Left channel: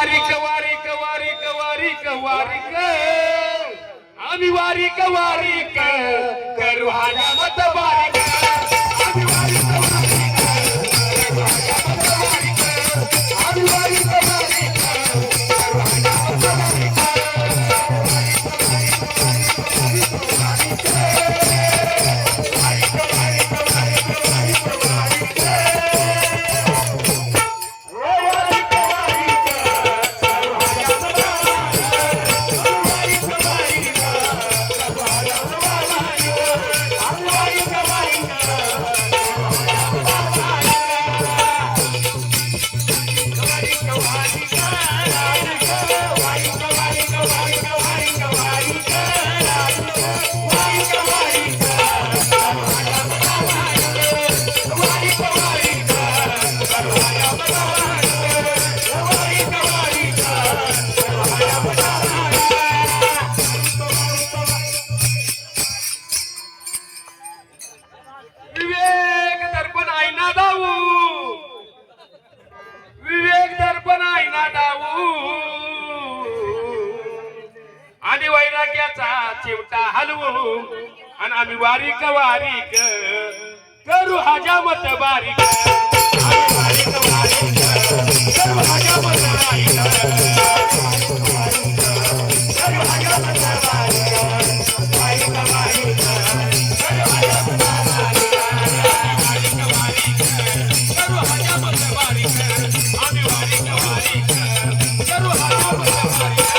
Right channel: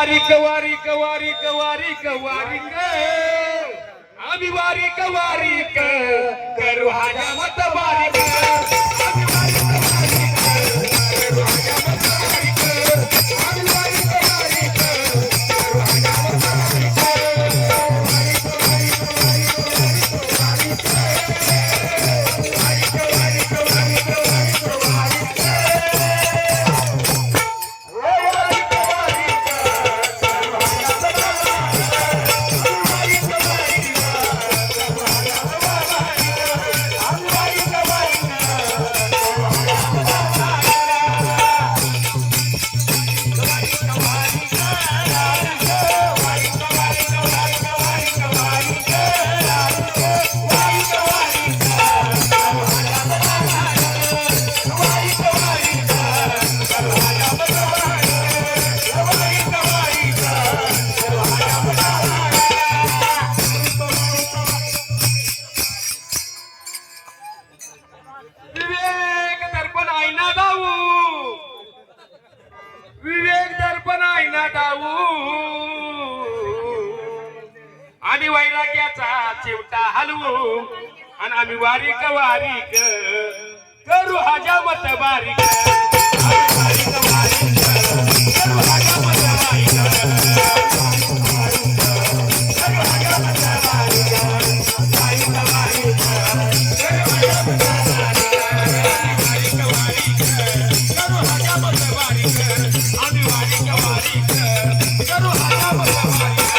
वारीक वारीक वारीक वारीक वारीक आम्ही वारीक वारीक करू हजामत वारीक आम्ही वारीक वारीक करू हजामत वारीक आम्ही वारीक वारीक करू हजामत वारीक विवेक दर्पण आईना डाऊ विवेक दर्पण आईना डाऊ आणि वैराग्याचा चिवटा हलवू आणि आम्ही वारीक वारीक करू हजामत बारीक आम्ही वारीक वारीक करू हजामत बारीक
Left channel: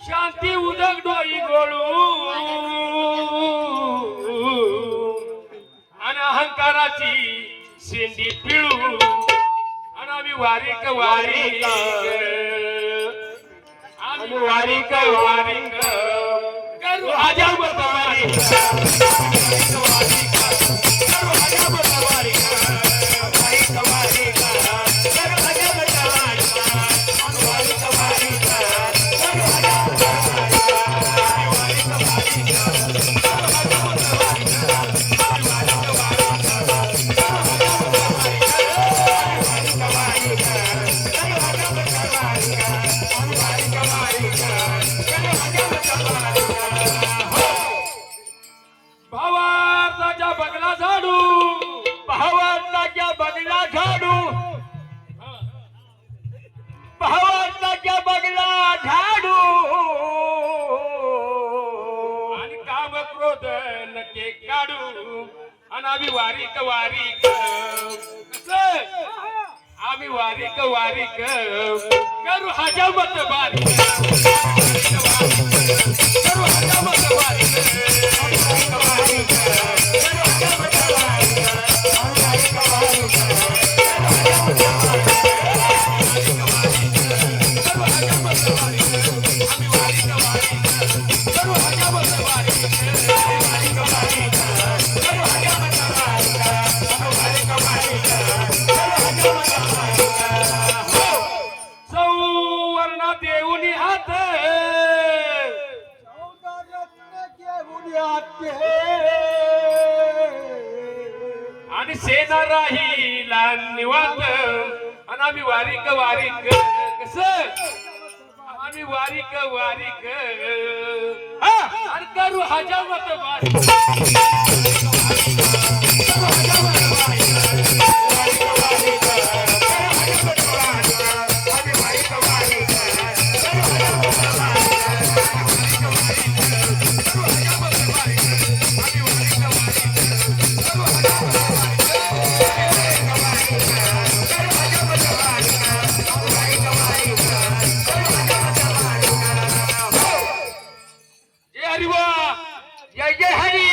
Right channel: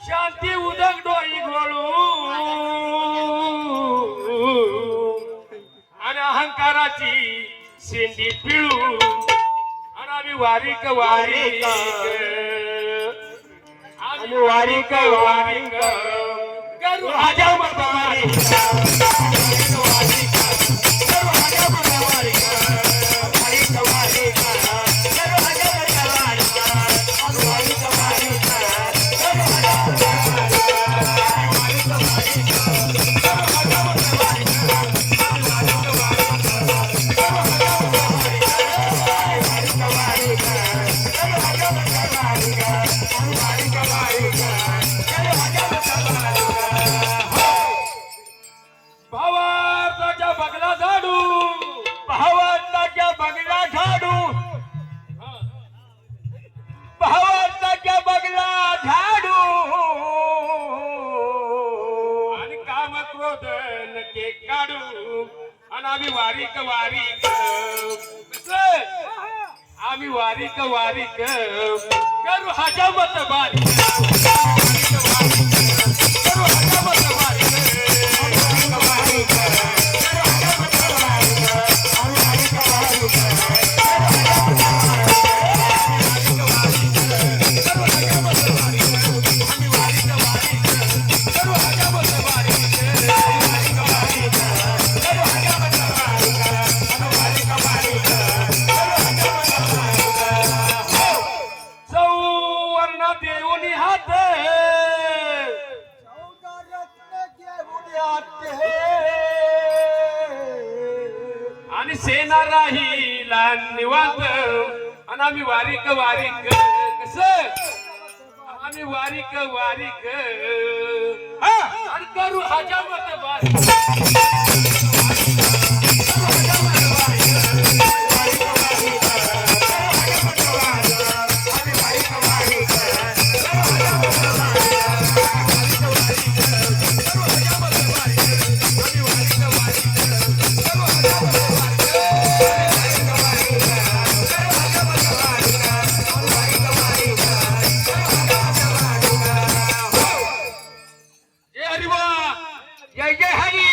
शांती उदक डोई घोळू आणि अहंकाराची शेंडी पिळू आणि आम्ही वारीक वारीक आम्ही वारीक वारीक करू हजामत वारीक आम्ही वारीक वारीक आम्ही वारीक वारीक करू हजामत बारीक आणि सेना राहीला निवांत आणि आम्ही वारीक वारीक कस आम्ही वारीक वारीक आणि करू हजामत वारीक